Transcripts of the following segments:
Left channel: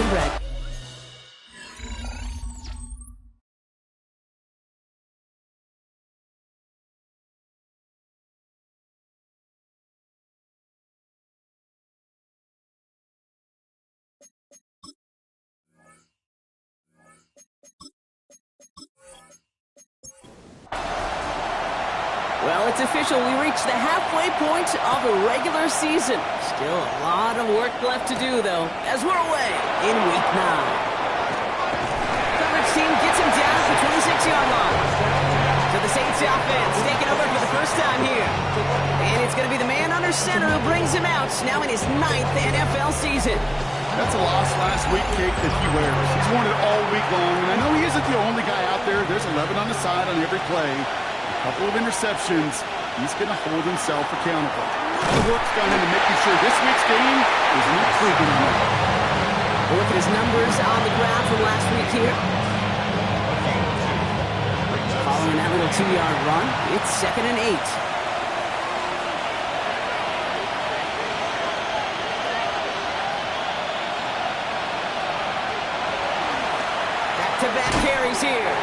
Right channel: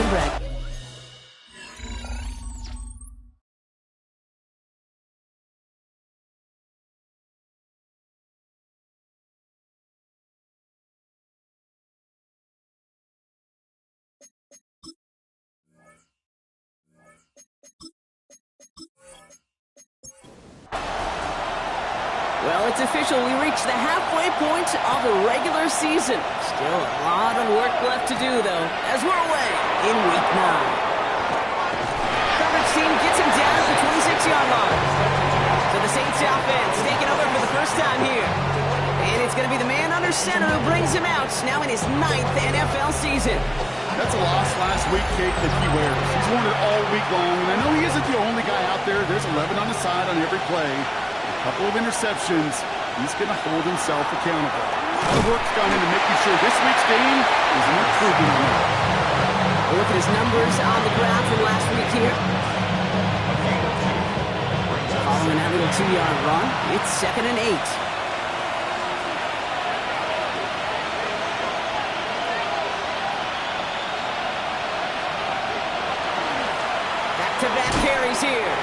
and Bragg. Well, it's official. We reached the halfway point of the regular season. Still a lot of work left to do, though, as we're away in Week 9. Coverage team gets him down at the 26-yard line. So the Saints offense taking over for the first time here. And it's going to be the man under center who brings him out now in his 9th NFL season. That's a loss last week, Kate, that he wears. He's worn it all week long, and I know he isn't the only guy out there. There's 11 on the side on every play. A couple of interceptions. He's going to hold himself accountable. A lot of work's gone into making sure this week's game is an improvement on that. We'll look at his numbers on the ground from last week here. Following that little 2-yard run, it's 2nd and 8. Back-to-back carries here.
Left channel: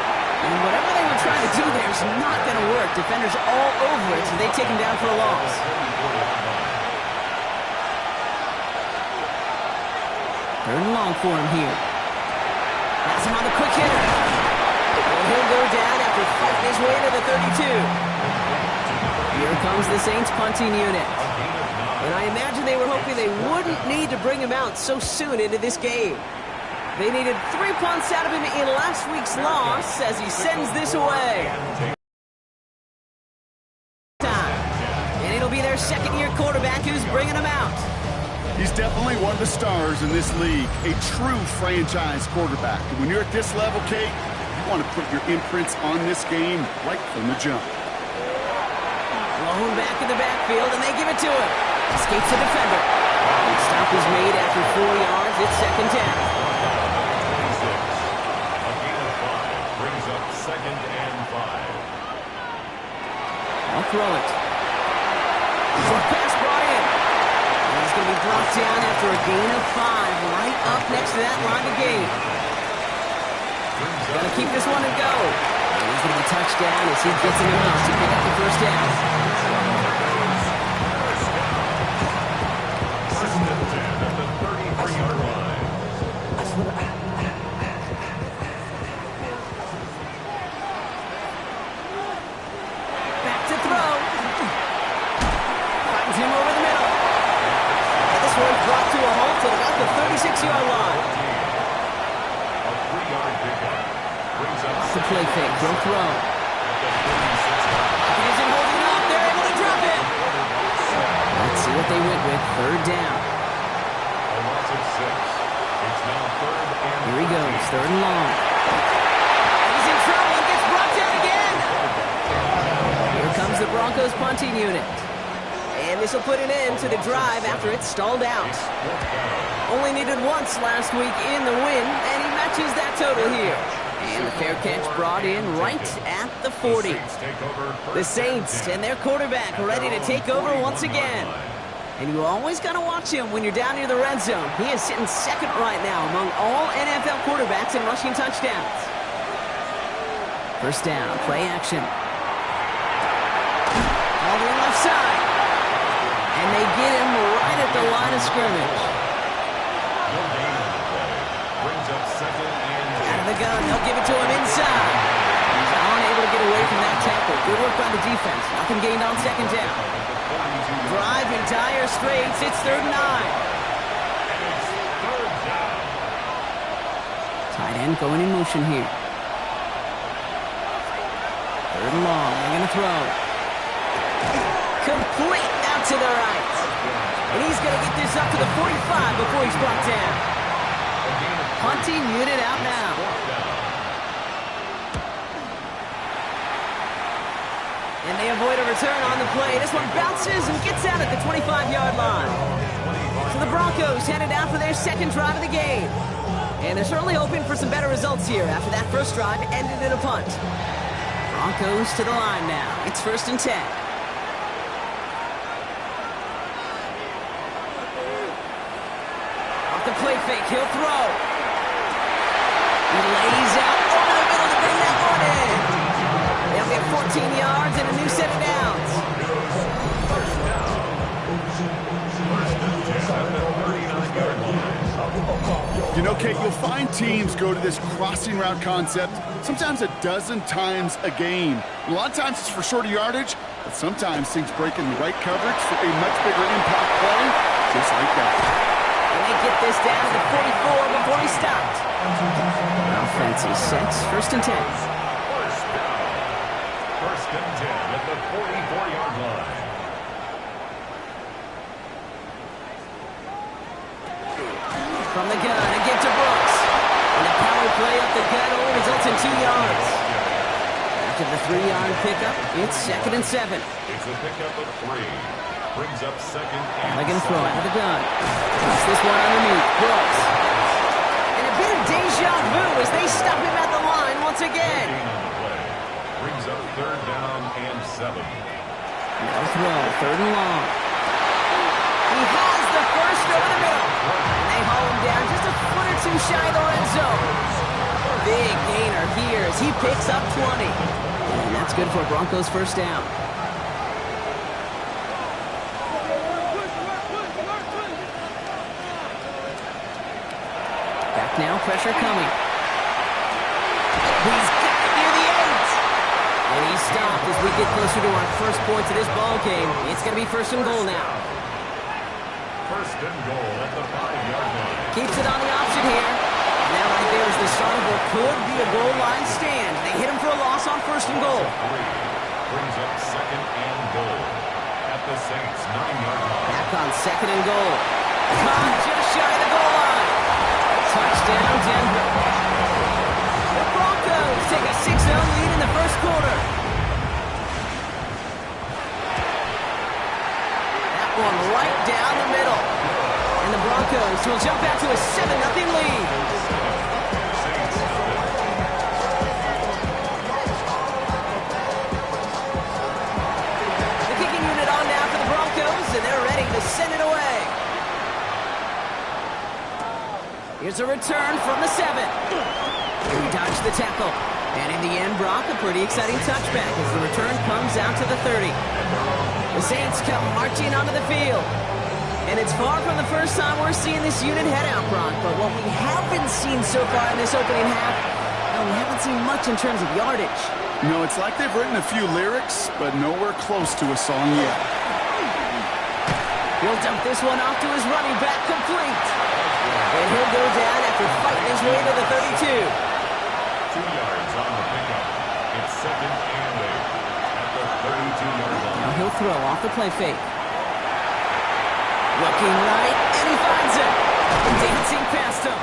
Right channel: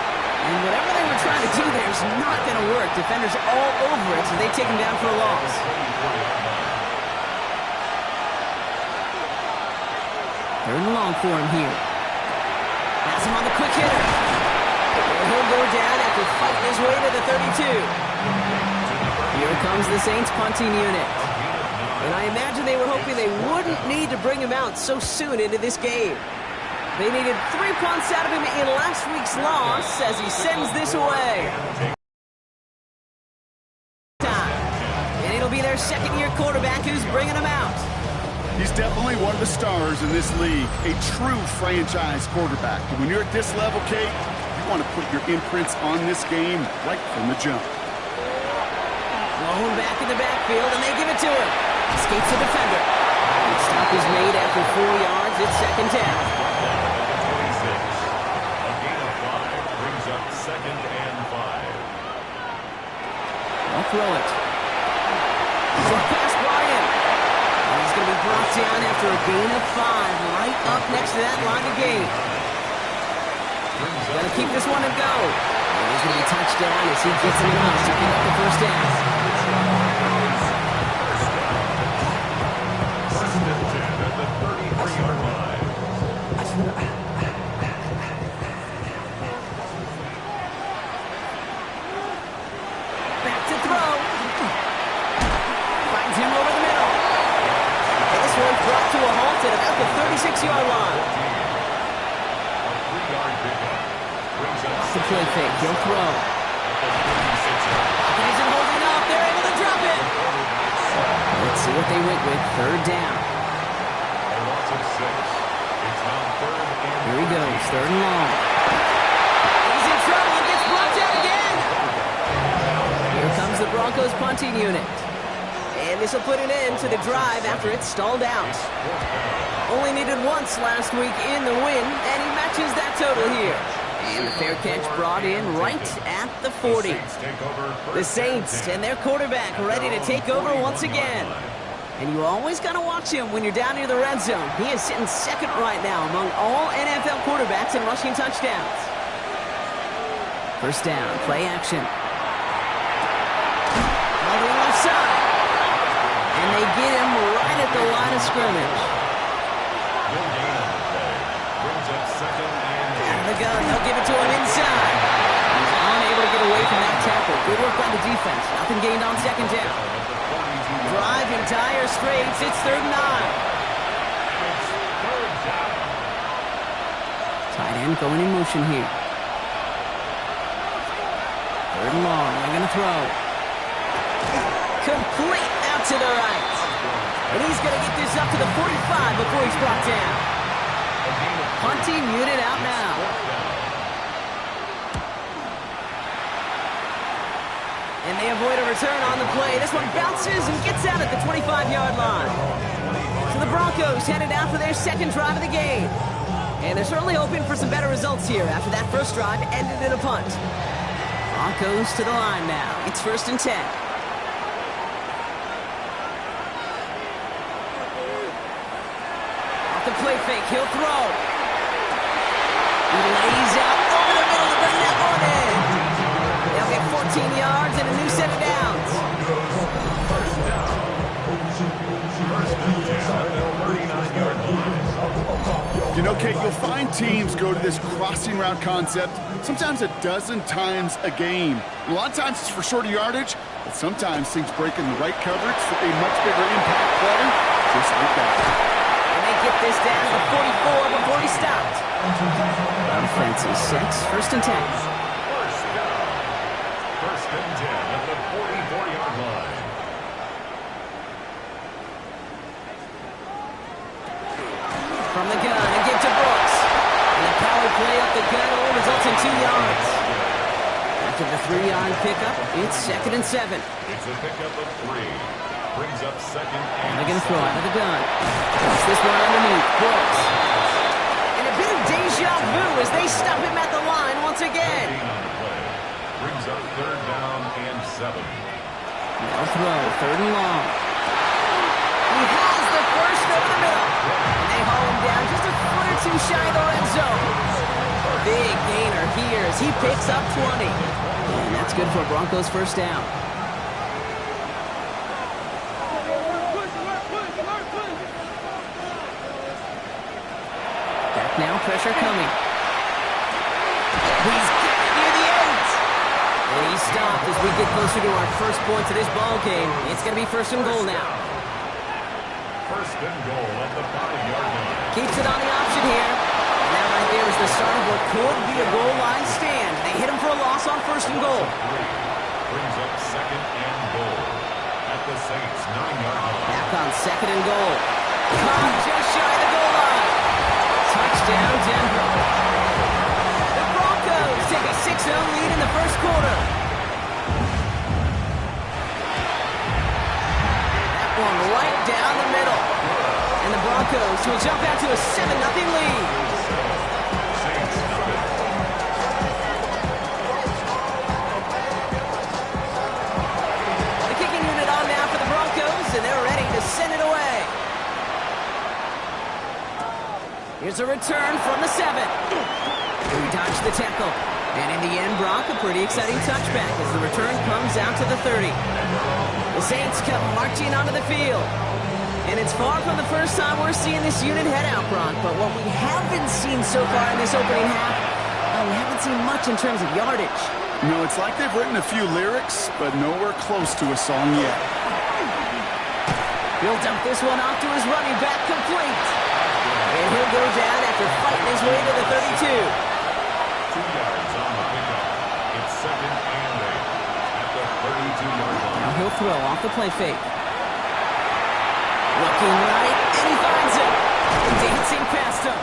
And whatever they were trying to do there is not going to work. Defenders all over it, so they take him down for a loss. Third and long for him here. Pass him on the quick hitter. And he'll go down after fighting his way to the 32. Here comes the Saints punting unit. And I imagine they were hoping they wouldn't need to bring him out so soon into this game. They needed 3 punts out of him in last week's loss as he sends this away. And it'll be their second-year quarterback who's bringing him out. He's definitely one of the stars in this league, a true franchise quarterback. And when you're at this level, Kate, you want to put your imprints on this game right from the jump. Blown back in the backfield, and they give it to him. Escapes the defender. The stop is made after 4 yards. It's 2nd down. A gain of 5 brings up 2nd and 5. I'll throw it. Short pass brought in. And he's going to be brought down after a gain of 5, right up next to that line of gain. Got to keep this one and go. And he's going to be touched down as he gets him enough to pick up the first down. First and 10 at the 33-yard line. Back to throw. Finds him over the middle. And this one's brought to a halt at about the 36-yard line. A 3-yard pickup brings up Off the play fake. He'll throw. at the 36-yard line. He isn't holding up. They're able to drop it. Let's see what they went with. 3rd down. A loss of 6. It's now 3rd and Here he goes. 3rd and long. He's in trouble and gets brought down again. Here comes the Broncos punting unit. And this will put an end to the drive after it stalled out. Only needed once last week in the win, and he matches that total here. And the fair catch brought in right at the 40. The Saints and their quarterback ready to take over once again. And you always got to watch him when you're down near the red zone. He is sitting 2nd right now among all NFL quarterbacks in rushing touchdowns. First down, play action. All the left side. And they get him right at the line of scrimmage. No gain on the play. Brings up 2nd and 2. Out of the gun, they'll give it to him inside. He's unable to get away from that tackle. Good work by the defense. Nothing gained on 2nd down. Drive in dire straits. It's 3rd and 9. And it's 3rd down. Tight end going in motion here. 3rd and long. They're going to throw. Complete out to the right. And he's going to get this up to the 45 before he's brought down. Punting unit out now. And they avoid a return on the play. This one bounces and gets out at the 25-yard line. So the Broncos headed out for their 2nd drive of the game. And they're certainly hoping for some better results here after that first drive ended in a punt. Broncos to the line now. It's 1st and 10. the play fake. He'll throw. He lays out over the middle to bring that one in. They'll get 14 yards and a new set of downs. First down. First and 10 at the 39-yard line. You know, Kate, you'll find teams go to this crossing route concept sometimes a dozen times a game. A lot of times it's for shorter yardage, but sometimes things break in the right coverage for a much bigger impact play, just like that. And they get this down to the 44 before he stopped. Offense is set. First and 10. First down. First and 10 at the 44-yard line. From the gun, a give to Brooks. And the power play up the gut only results in 2 yards. After the 3-yard pickup, it's 2nd and 7. It's a pickup of 3. Brings up 2nd and They're going to throw out of the gun. Toss this one underneath. Brooks. And a bit of deja vu as they stop him at the line once again. On the play. Brings up 3rd down and 7. No throw. 3rd and long. He has the first over the middle. And they haul him down just a foot or two shy of the red zone. Big gainer here as he picks up 20. And that's good for Broncos first down. Back now, pressure coming. He's got it near the 8. And he stopped as we get closer to our first points of this ball game. It's going to be 1st and goal now. First and goal at the 5-yard line. Keeps it on the option here. And that right there is the start of what could be a goal line stand. They hit him for a loss on 1st and goal. 3. Brings up 2nd and goal at the Saints' 9-yard line. Back on 2nd and goal. Caught just shy of the goal line. Touchdown, Denver. The Broncos take a 6-0 lead in the first quarter. That one right down the middle. And the Broncos will jump out to a 7-0 lead. Saints nothing. The kicking unit on now for the Broncos, and they're ready to send it away. Here's a return from the 7. He dodged the tackle. And in the end, Brock, a pretty exciting touchback as the return comes out to the 30. The Saints come marching onto the field. And it's far from the first time we're seeing this unit head out, Brock. But what we haven't seen so far in this opening half, well, we haven't seen much in terms of yardage. No, it's like they've written a few lyrics, but nowhere close to a song yet. He'll dump this one off to his running back, complete. And he'll go down after fighting his way to the 32. 2 yards on the pickup. It's 2nd and 8 at the 32-yard line. Now he'll throw off the play fake. Looking right, and he finds him. Dancing past him.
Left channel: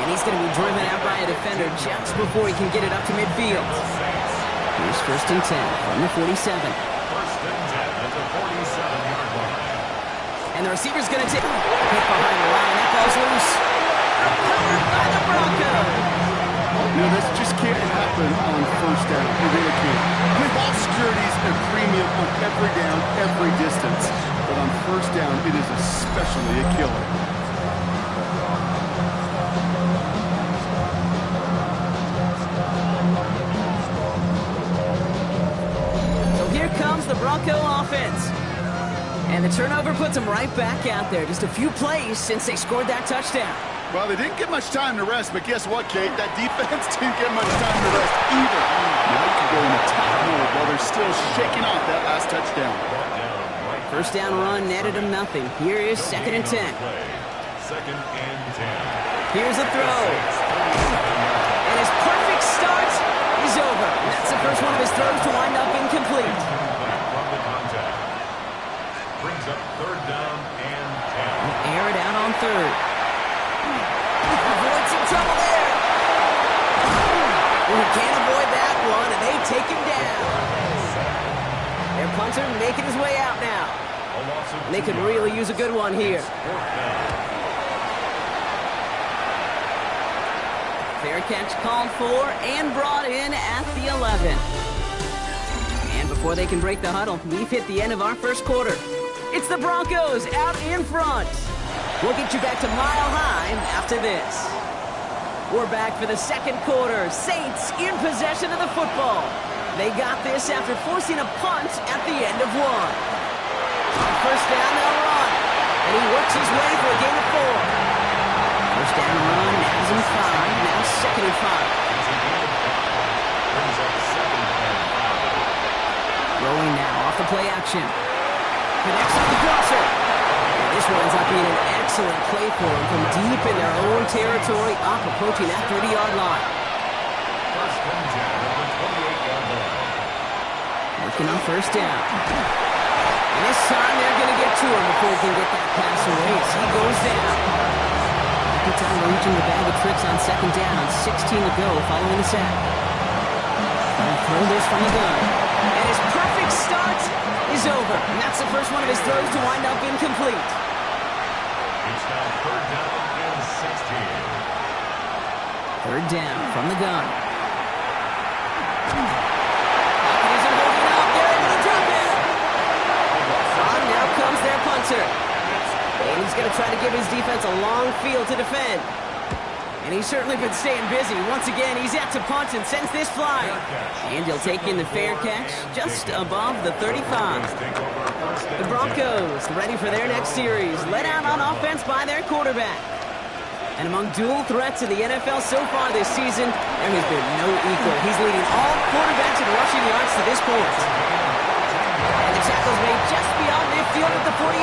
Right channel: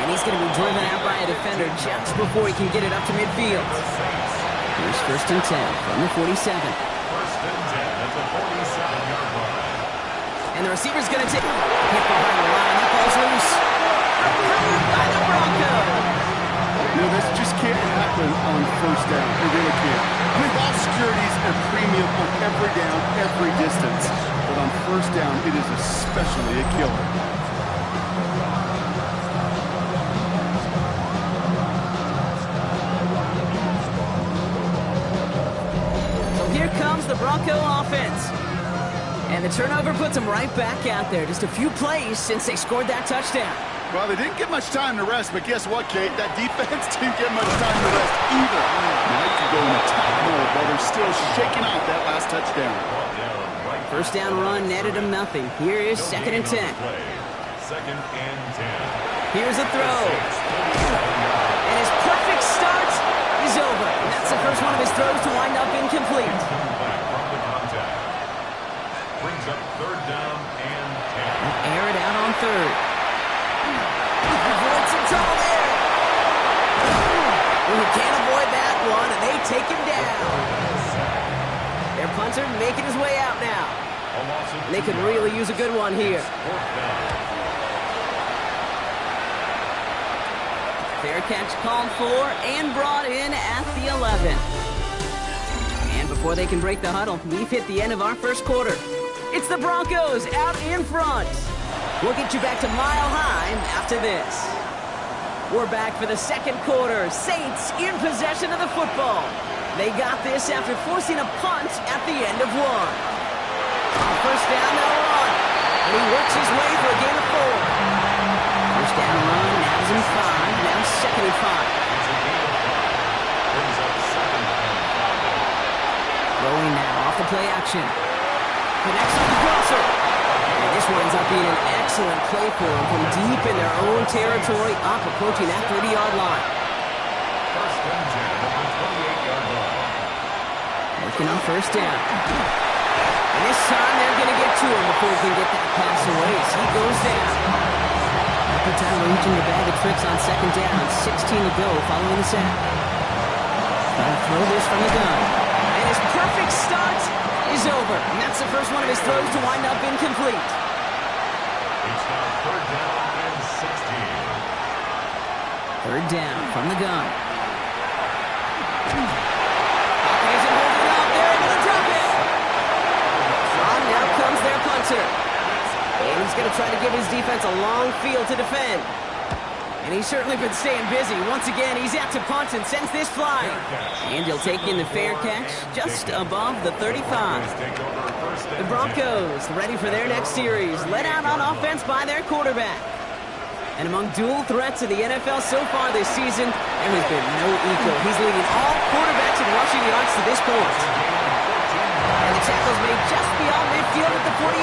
And he's going to be driven out by a defender just before he can get it up to midfield. Here's 1st and 10 from the 47. 1st and 10 at the 47-yard line. And the receiver's going to take hit behind the line. That ball's loose. Recovered by the Broncos. You know, this just can't happen on 1st down. It really can't. I mean, ball security is a premium on every down, every distance. But on 1st down, it is especially a killer. So here comes the Bronco offense. And the turnover puts them right back out there. Just a few plays since they scored that touchdown. Well, they didn't get much time to rest, but guess what, Kate? That defense didn't get much time to rest either. Now you can go in attack mode while they're still shaking off that last touchdown. First down run netted them nothing. Here is 2nd and 10. 2nd and 10. Here's a throw. And his perfect start is over. And that's the first one of his throws to wind up incomplete. From the contact. Brings up 3rd down and 10. Air it out on 3rd. Avoid some trouble there. He can't avoid that one, and they take him down. Their punter making his way out now. And they could really use a good one here. 4th down. Fair catch called for and brought in at the 11. And before they can break the huddle, we've hit the end of our first quarter. It's the Broncos out in front. We'll get you back to Mile High after this. We're back for the second quarter. Saints in possession of the football. They got this after forcing a punt at the end of one. On first down, they'll run. And he works his way through a gain of 4. First down run, nabs him 5. Now second and 5. It's a gain of 5. Brings up second and 5. Throwing now off the play action. Connects on the crosser. And this winds up being an excellent play for them from deep in their own territory, up approaching that 30-yard line. First and 10 at the 28-yard line. Working on first down. And this time they're going to get to him before he can get that pass away as he goes down. Good time reaching the bag of tricks on second down. 16 to go following the sack. Trying to throw this from the gun. And his perfect start is over. And that's the first one of his throws to wind up incomplete. It's now third down and 16. Third down from the gun. Pocket isn't holding up. They're able to drop it. On now comes their punter. And he's going to try to give his defense a long field to defend. And he's certainly been staying busy. Once again, he's out to punt and sends this flying. And he'll take in the fair catch just above the 35. The Broncos ready for their next series, led out on offense by their quarterback. And among dual threats in the NFL so far this season, there has been no equal. He's leading all quarterbacks in rushing yards to this point. And the tackle's made just beyond midfield at the 48.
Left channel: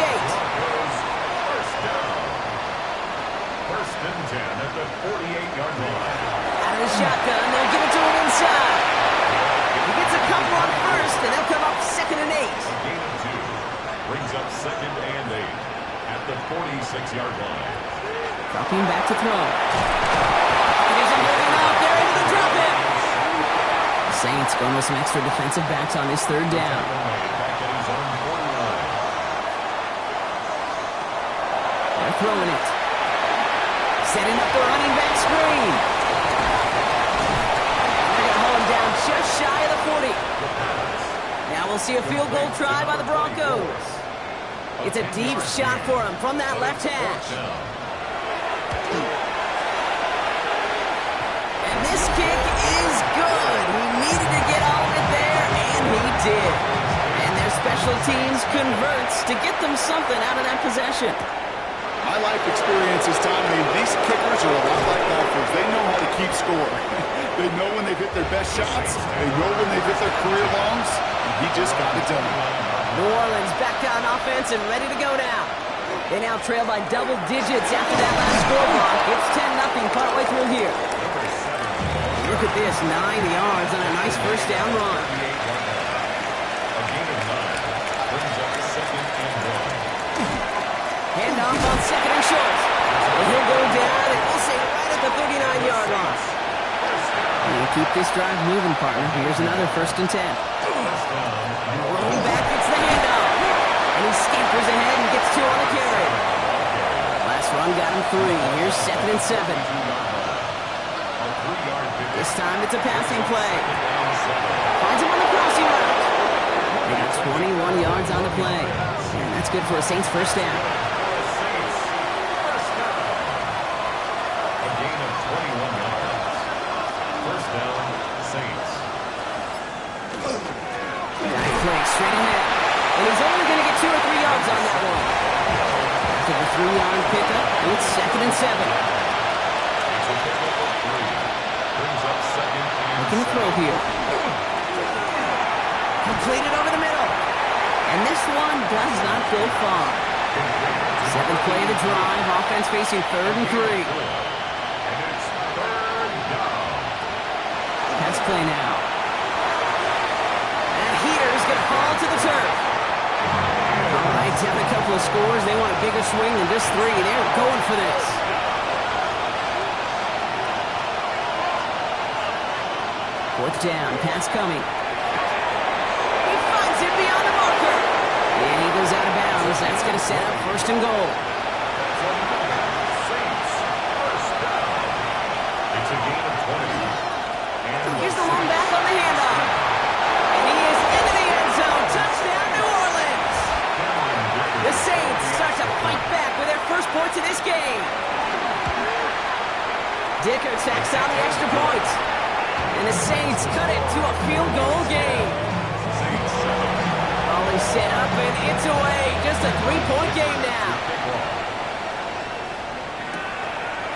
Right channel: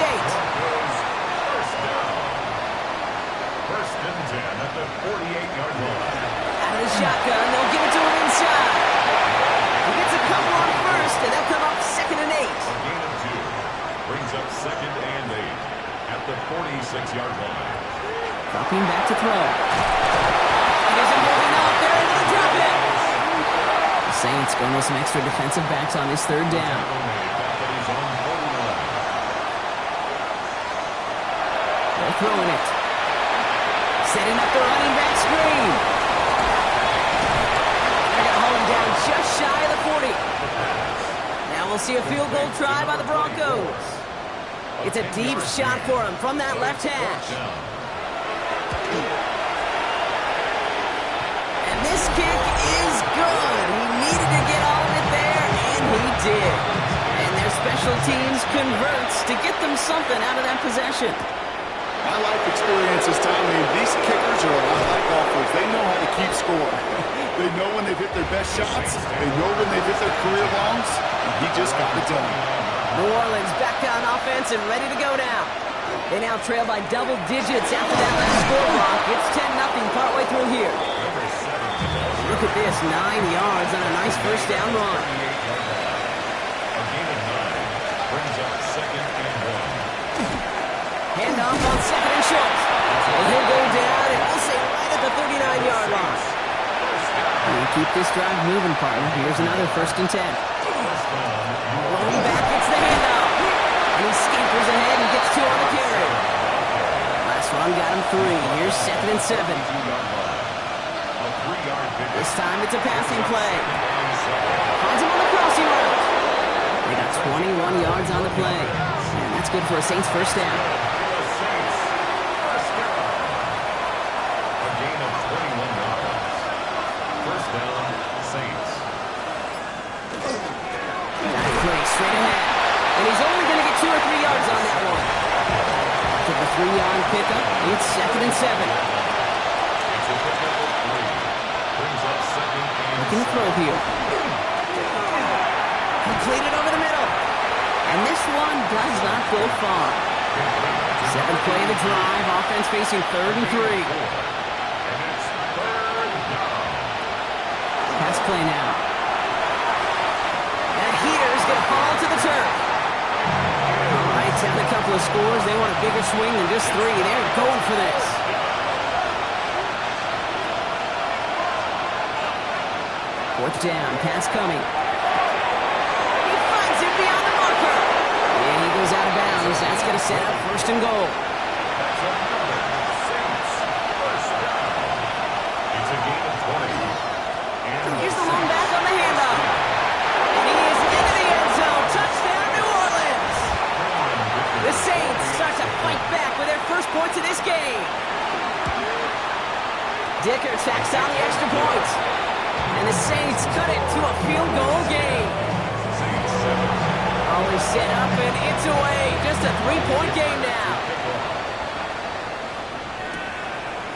First and 10 at the 48-yard line. Out of the shotgun, they'll give it to him inside. He gets a couple on first, and they'll come up second and 8. A gain of 2 brings up second and 8 at the 46-yard line. Dropping back to throw. It isn't moving up. They're able to drop it. The Saints going with some extra defensive backs on this third down. Back at his own 49. They're throwing it. Setting up the running back screen. And they're going to hold him down just shy of the 40. Now we'll see a field goal try by the Broncos. It's a deep shot for him from that left hash. And this kick is good. He needed to get all of it there, and he did. And their special teams converts to get them something out of that possession. My life experience is telling me these kickers are a lot like golfers. They know how to keep score. They know when they've hit their best shots. They know when they've hit their career longs. And he just got it done. New Orleans back on offense and ready to go now. They now trail by double digits after that last score block. It's 10-0 partway through here. Look at this, 9 yards on a nice first down run. A gain of 9 brings up second and 1. Handoff on second and short. And he'll go down, and we'll say right at the 39-yard line. And you keep this drive moving, partner. Here's another first and 10. Rolling back, gets the handoff. And he scampers ahead and gets 2 on the carry. Last run got him 3. Here's second and 7. This time it's a passing play. Finds him on the crossing route. They got 21 yards on the play. And that's good for a Saints first down. Straight ahead. And he's only going to get 2 or 3 yards on that one. After the 3-yard pickup, it's second and 7. It's a pickup of 3. Brings up second and Looking to throw here. Completed over the middle. And this one does not go far. 7th play of the drive. Offense facing 3rd and 3. And it's third down. Pass play now. Heater's going to fall to the turf. All right, down a couple of scores. They want a bigger swing than just 3. They're going for this. Fourth down, pass coming. He finds it beyond the marker. And he goes out of bounds. That's going to set up first and goal. That's another Saints first down. It's a gain of 20. And here's the long back on the handoff. And he is into the end zone. Touchdown, New Orleans. The Saints start to fight back with their first points of this Dicker tacks on the extra point. And the Saints cut it to a field goal game. Saints 7. Ollie set up and it's away. Just a 3-point game now.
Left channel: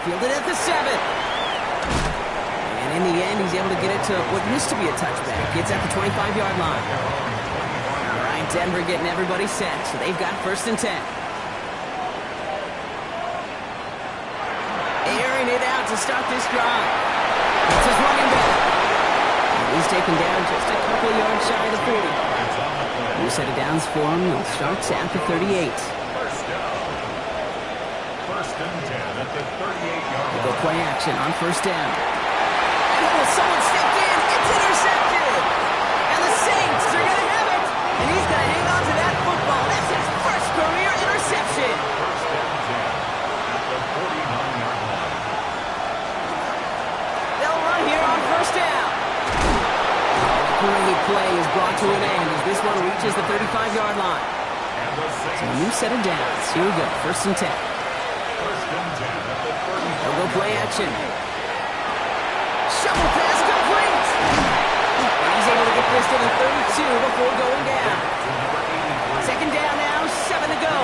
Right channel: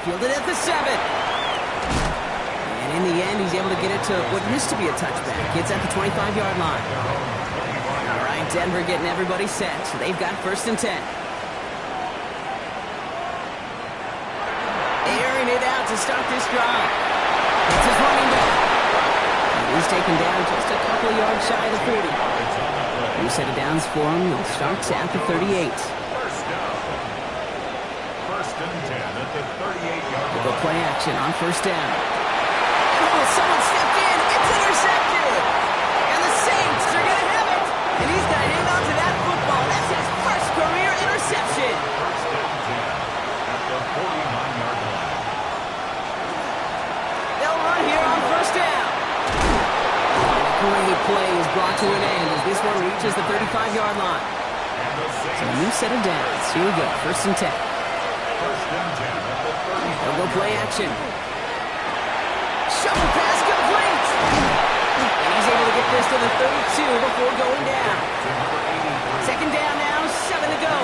Fielded at the 7. And in the end, he's able to get it to what used to be a touchback. It's at the 25-yard line. All right, Denver getting everybody set. So they've got 1st and 10. Airing it out to start this drive. It's his running back. And he's taken down just a couple of yards shy of the 40. New set of downs for him. They'll start at the 38. First down. 1st and 10 at the 38-yard line. Go play action on 1st down. And oh, someone stepped in. It's intercepted. And the Saints are going to have it. And he's going to hang on to that football. That's his first career interception. 1st and 10 at the 49-yard line. They'll run here on 1st down. And a great play is brought to an end as this one reaches the 35-yard line. And the So a Saints. new set of downs. Here we go. 1st and 10. 1st and 10 at the 35. They'll go play action. Shovel pass complete. And he's able to get this to the 32 before going down. To number 83. 2nd down now, 7 to go.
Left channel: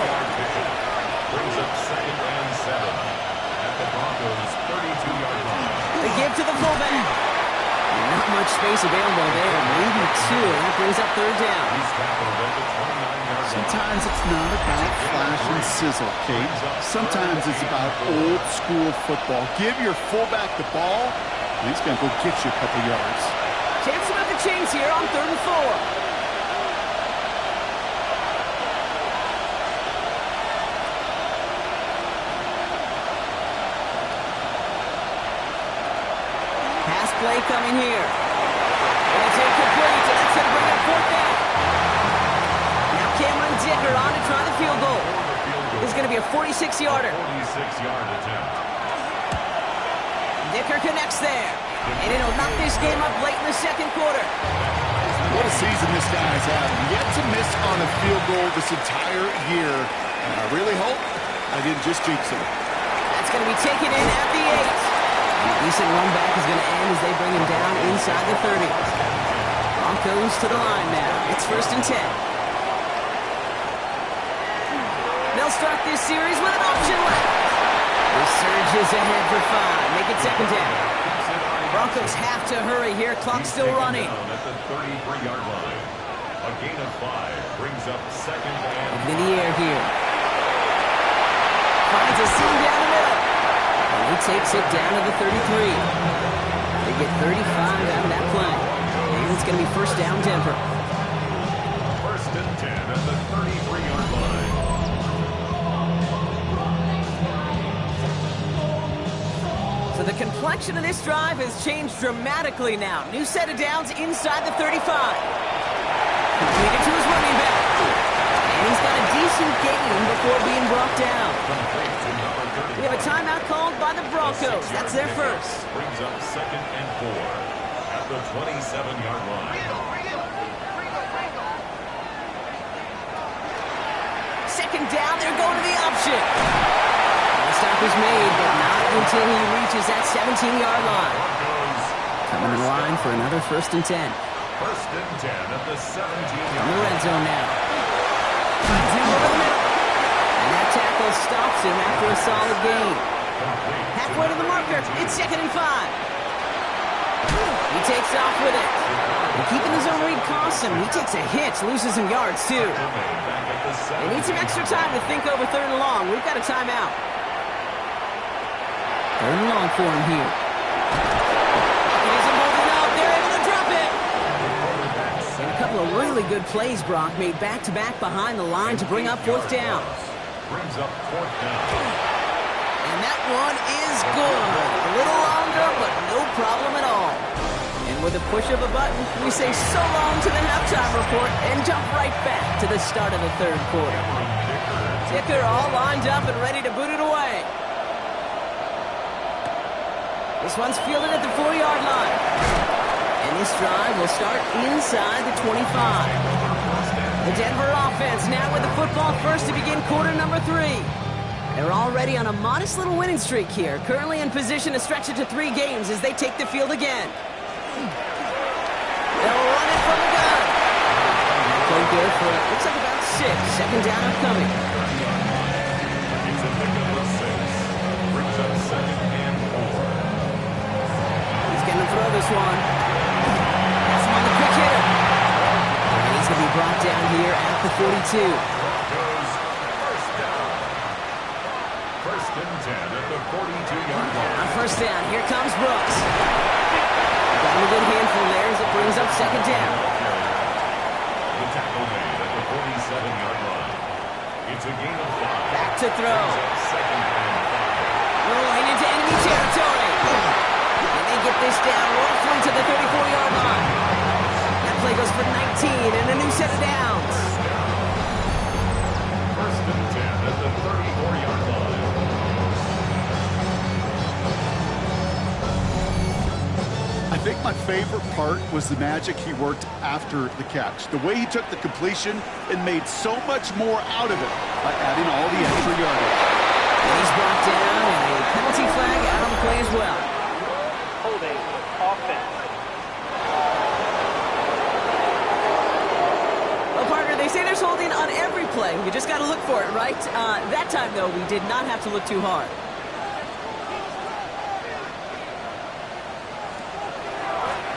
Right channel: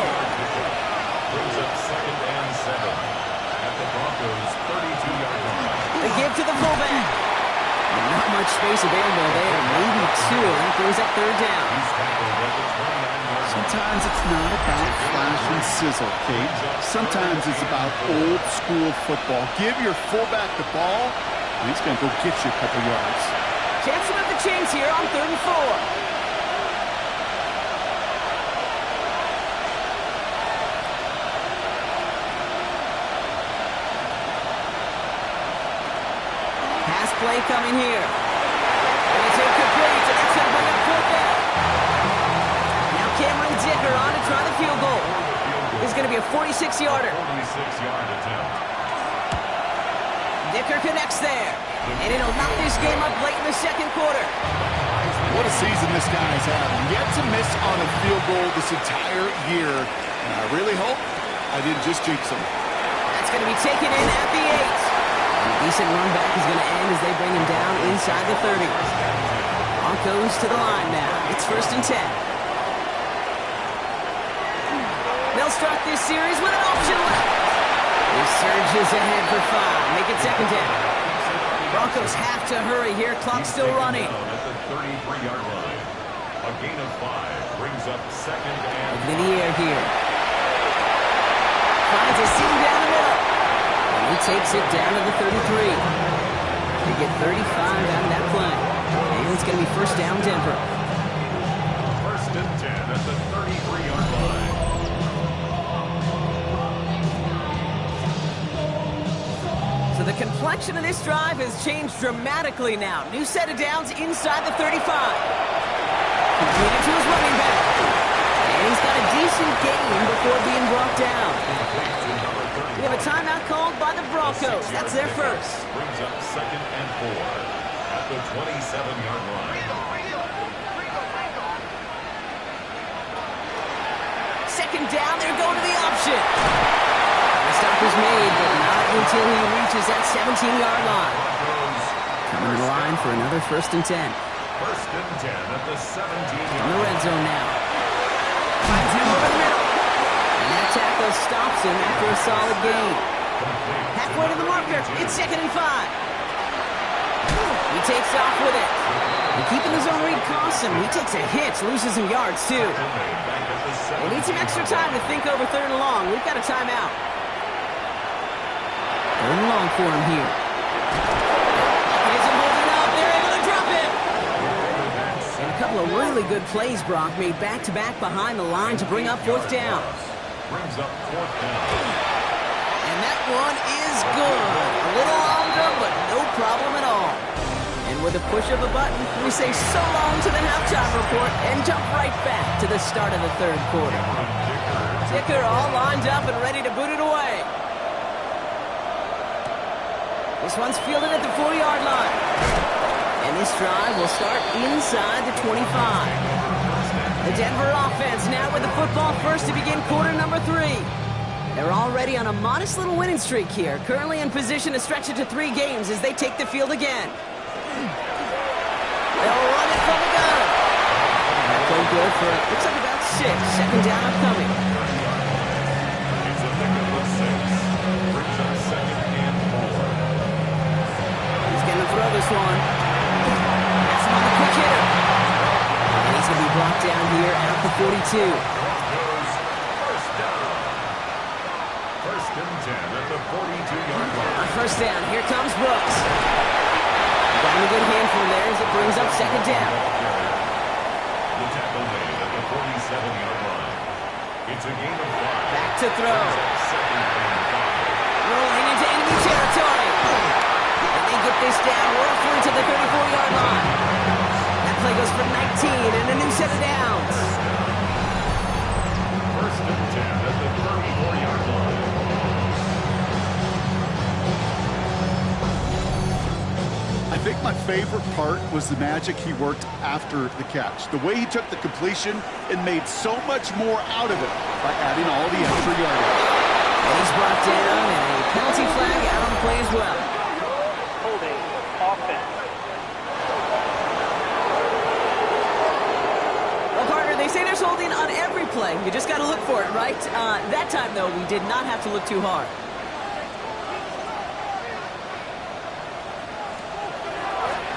Brings up 2nd and 7 at the Broncos' 32-yard line. The give to the fullback. Not much space available there. Maybe 2. That brings up 3rd down. He's tackled at the 29-yard line. Sometimes it's not about flash and sizzle, Kate. Sometimes it's about old school football. Give your fullback the ball, and he's going to go get you a couple yards. Chance to move the chains here on 3rd and 4. Pass play coming here. And it's incomplete, and that's going to bring up 4th down. Now Cameron Dicker on to try the field goal. This is going to be a 46-yarder. 46-yard attempt. Dicker connects there. And it'll knock this game up late in the 2nd quarter. What a season this guy's having. Yet to miss on a field goal this entire year. And I really hope I didn't just jinx him. That's going to be taken in at the 8. And a decent run back is going to end as they bring him down inside the 30. Broncos to the line now. It's 1st and 10. They'll start this series with an option left. He surges ahead for 5. Make it 2nd down. Broncos have to hurry here. Clock's still running. Down at the 33-yard line. A gain of 5 brings up 2nd and Open in the air here. Finds a seam down the middle. And he takes it down to the 33. They get 35 out of that play. And it's going to be 1st down Denver. 1st and 10 at the 33-yard line. So the complexion of this drive has changed dramatically now. New set of downs inside the 35. Completed to his running back. And he's got a decent gain before being brought down. Complete to number 31. We have a timeout called by the Broncos. That's their first. Brings up 2nd and 4 at the 27-yard line. 2nd down, they're going to the option. The stop is made, but not until he reaches that 17-yard line. Broncos Coming to the line for another 1st and 10. 1st and 10 at the 17-yard In the red line. zone now. Finds him over the middle. And that tackle stops him after a solid gain. Complete to Halfway to the number marker. 82. It's 2nd and 5. He takes off with it. And keeping his own read costs him. He takes a hit, loses some yards too. Made back at the They need some 17-yard extra time to line. think over 3rd and long. We've got a timeout. 3rd and long for him here. He isn't holding up. They're able to drop it. And a couple of really good plays, Brock, made back-to-back behind the line to bring up 4th down. Brings up 4th down. And that one is good. A little longer, but no problem at all. And with a push of a button, we say so long to the halftime report and jump right back to the start of the 3rd quarter. Dicker all lined up and ready to boot it away. This one's fielded at the 4-yard line. And this drive will start inside the 25. The Denver offense now with the football first to begin quarter number 3. They're already on a modest little winning streak here. Currently in position to stretch it to 3 games as they take the field again. They'll run it from the gun. That played good for, looks like about 6. Second down upcoming. It's a pickup of 6. Brings up 2nd and 4. He's going to throw this one. That's him on the quick hitter. And he's going to be brought down here at the 42. Broncos first down. 1st and 10 at the 42-yard line. On first down, here comes Brooks. Got him a good handful there as it brings up 2nd down. The tackle made at the 47-yard line. It's a gain of 5. Back to throw. Brings up 2nd and 5. Rolling into enemy territory. And they get this down roughly to the 34-yard line. That play goes for 19 and a new set of downs. 1st and 10 at the 34-yard line. I think my favorite part was the magic he worked after the catch. The way he took the completion and made so much more out of it by adding all the extra yardage. And he's brought down and a penalty flag out on the play as well. Holding offense. Well, partner, they say there's holding on every play. You just got to look for it, right? That time, though, we did not have to look too hard.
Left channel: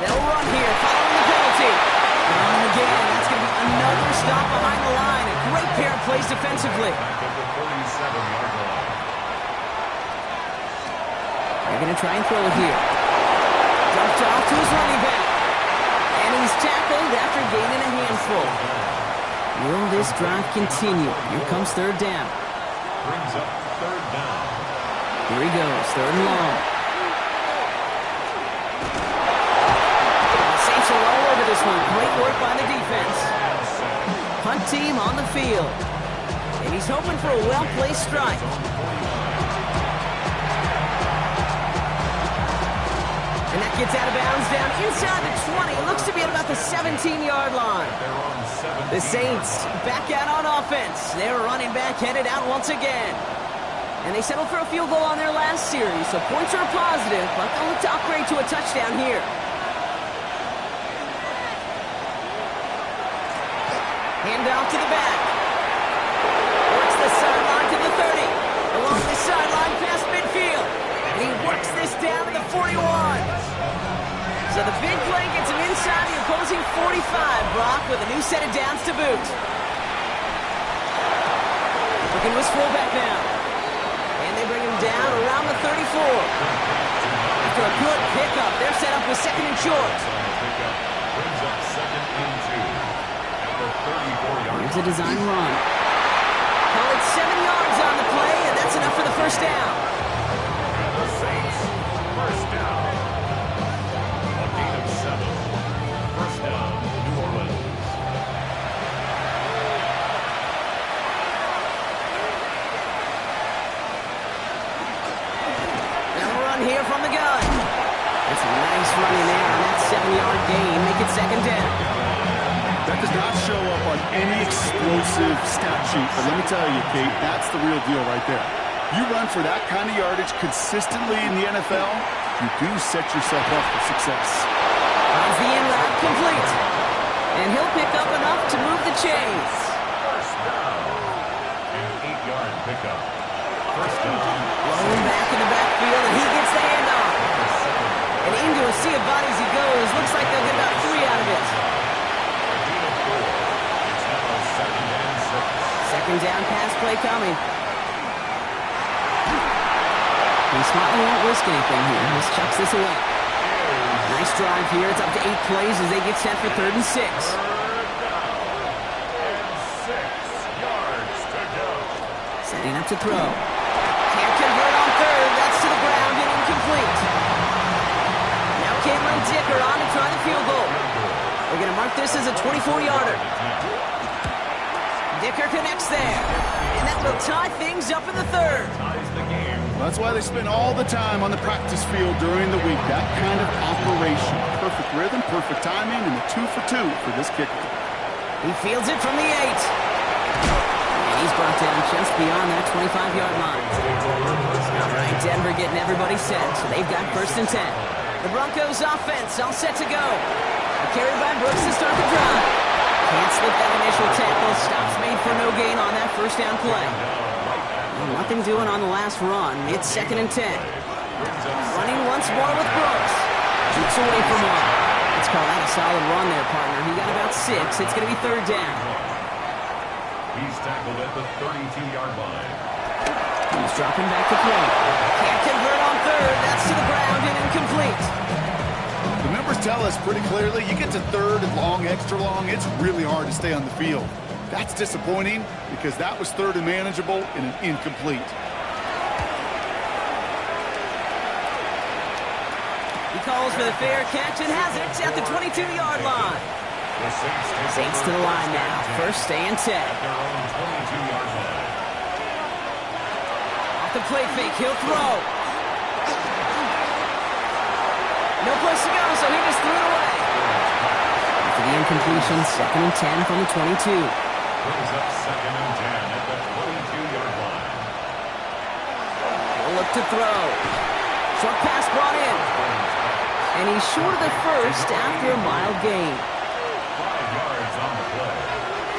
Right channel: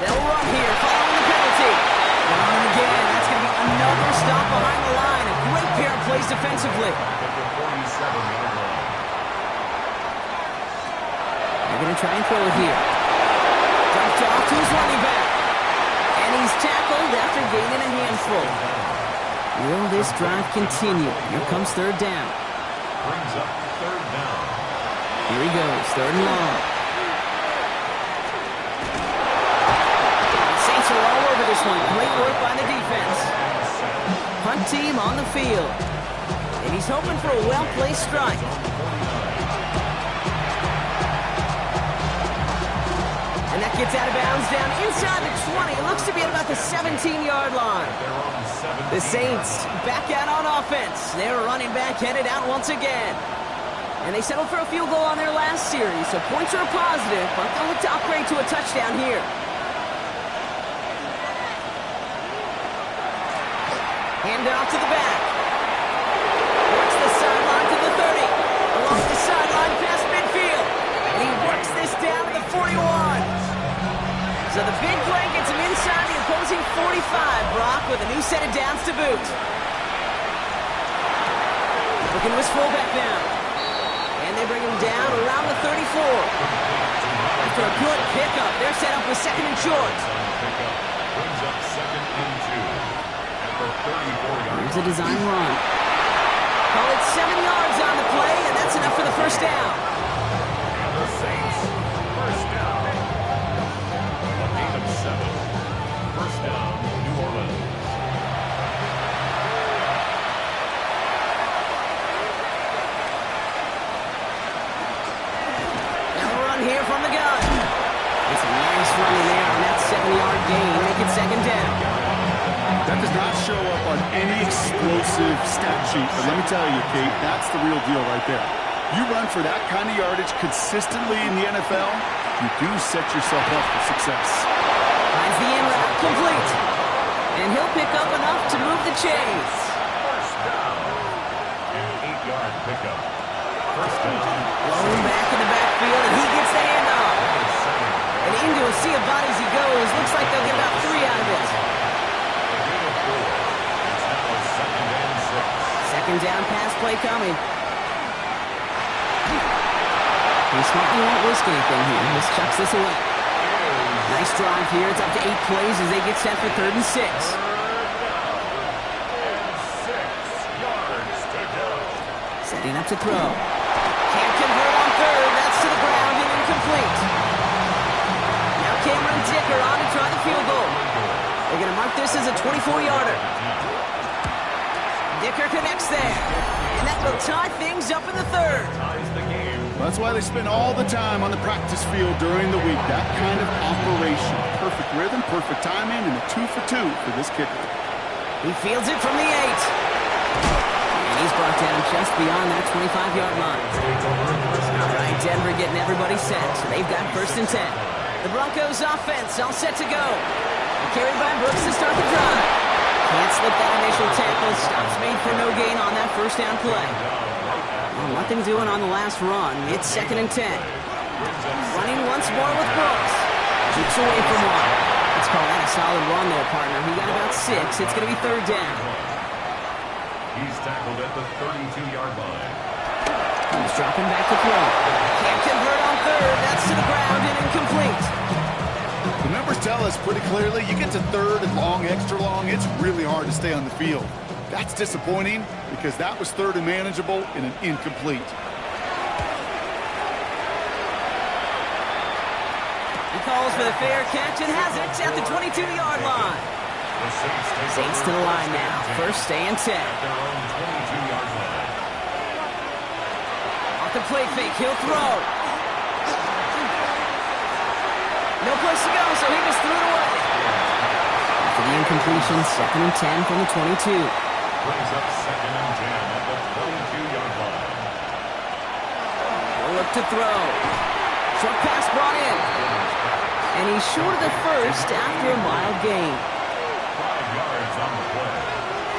They'll run here, following the penalty. And again, that's going to be another stop behind the line. A great pair of plays defensively. Back at the 47-yard line. They're going to try and throw it here. Dumped off to his running back. And he's tackled after gaining a handful. Will this drive continue? Here comes 3rd down. Brings up 3rd down. Here he goes, 3rd and long. The Saints are all over this one. Great work by the defense. Punt team on the field. And he's hoping for a well-placed strike. And that gets out of bounds down inside the 20. It looks to be at about the 17-yard line. The Saints back out on offense. Their running back headed out once again. And they settled for a field goal on their last series, so points are a positive, but they'll look to upgrade to a touchdown here. Hand off to the back. Works the sideline to the 30. Along the sideline past midfield. And he works this down to the 41. So the big play gets him inside the opposing 45, Brock, with a new set of downs to boot. Looking to his fullback now. And they bring him down around the 34. After a good pickup, they're set up with 2nd and short. Brings up 2nd and 2. At the 34-yard Here's a design run. Call it 7 yards on the play, and that's enough for the 1st down. And the Saints, 1st down. A gain of 7. 1st down, New Orleans. Now a run here from the gun. It's a nice running there on that 7-yard gain. Make it 2nd down. That does not show up on any explosive stat sheet, but let me tell you, Kate, that's the real deal right there. You run for that kind of yardage consistently in the NFL, you do set yourself up for success. Finds the in route complete. And he'll pick up enough to move the chains. 1st down. An 8-yard pickup. 1st down. Blown back in the backfield, and he gets the handoff. And into a sea of bodies he goes. Looks like they'll get about 3 out of it. A gain of 4. It's now 2nd and 6. 2nd down pass play coming. He smartly won't risk anything here. Just chucks this away. Nice drive here. It's up to 8 plays as they get set for 3rd and 6. 3rd down. And 6 yards to go. Setting up to throw. Can't convert on 3rd. That's to the ground and incomplete. Now Cameron Dicker on to try the field goal. They're going to mark this as a 24-yarder. Dicker connects there. And that will tie things up in the 3rd. Ties the game. That's why they spend all the time on the practice field during the week. That kind of operation. Perfect rhythm, perfect timing, and a 2 for 2 for this kicker. He fields it from the 8. And He's brought down just beyond that 25-yard line. All right, Denver getting everybody set, so they've got 1st and 10. The Broncos offense all set to go. Carried by Brooks to start the drive. Can't slip that initial tackle. Stops made for no gain on that 1st down play. Well, nothing doing on the last run. It's 2nd and 10. Running once more with Brooks. Keeps away from one. Let's call that a solid run there, partner. He got about 6. It's going to be 3rd down. He's tackled at the 32-yard line. He's dropping back to throw. Can't convert on 3rd. That's to the ground and incomplete. The numbers tell us pretty clearly, you get to 3rd and long, extra long, it's really hard to stay on the field. That's disappointing because that was 3rd and manageable and an incomplete. He calls for the fair catch and has it at the 22-yard line. The Saints to the line now. 1st and 10. At their own 22-yard line. Off the play fake, he'll throw. No place to go, so he just threw it away. After the incompletion, 2nd and 10 from the 22. Brings up 2nd and 10 at the 22-yard line. He'll look to throw. Short pass brought in. And he's short of the 1st after a mild gain. 5 yards on the play.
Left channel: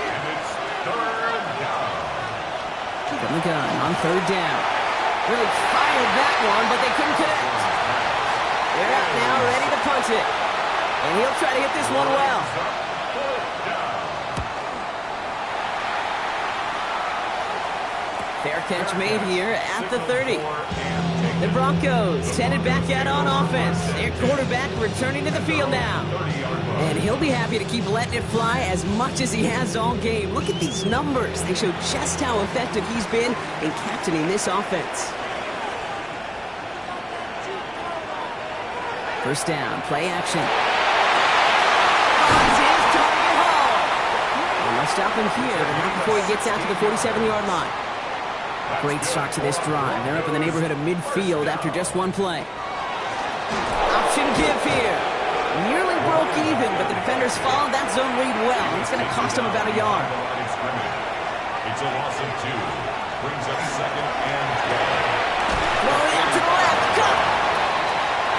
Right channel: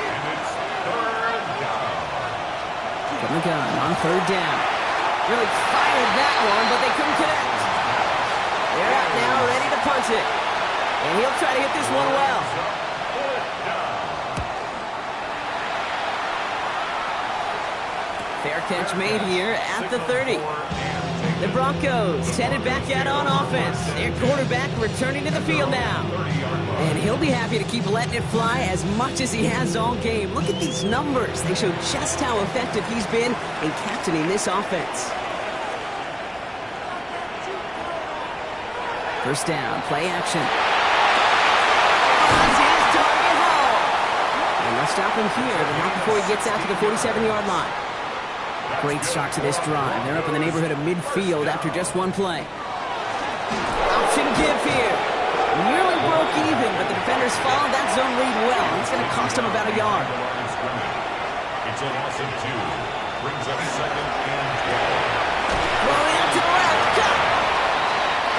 And it's 3rd down. From the gun on 3rd down. Really fired that one, but they couldn't connect. They're out now, ready to punt it. And he'll try to hit this one well. Fair catch made here at the 30. The Broncos headed back out on offense. Their quarterback returning to the field now. And he'll be happy to keep letting it fly as much as he has all game. Look at these numbers. They show just how effective he's been in captaining this offense. 1st down, play action. Finds his target home. And they'll stop him here, but not before he gets out to the 47-yard line. Great start to this drive. They're up in the neighborhood of midfield after just one play. Option give here. Nearly broke even, but the defenders followed that zone read well. It's going to cost them about a yard. It's a loss of 2. Brings up 2nd and 12. Throwing out to the left. Cut!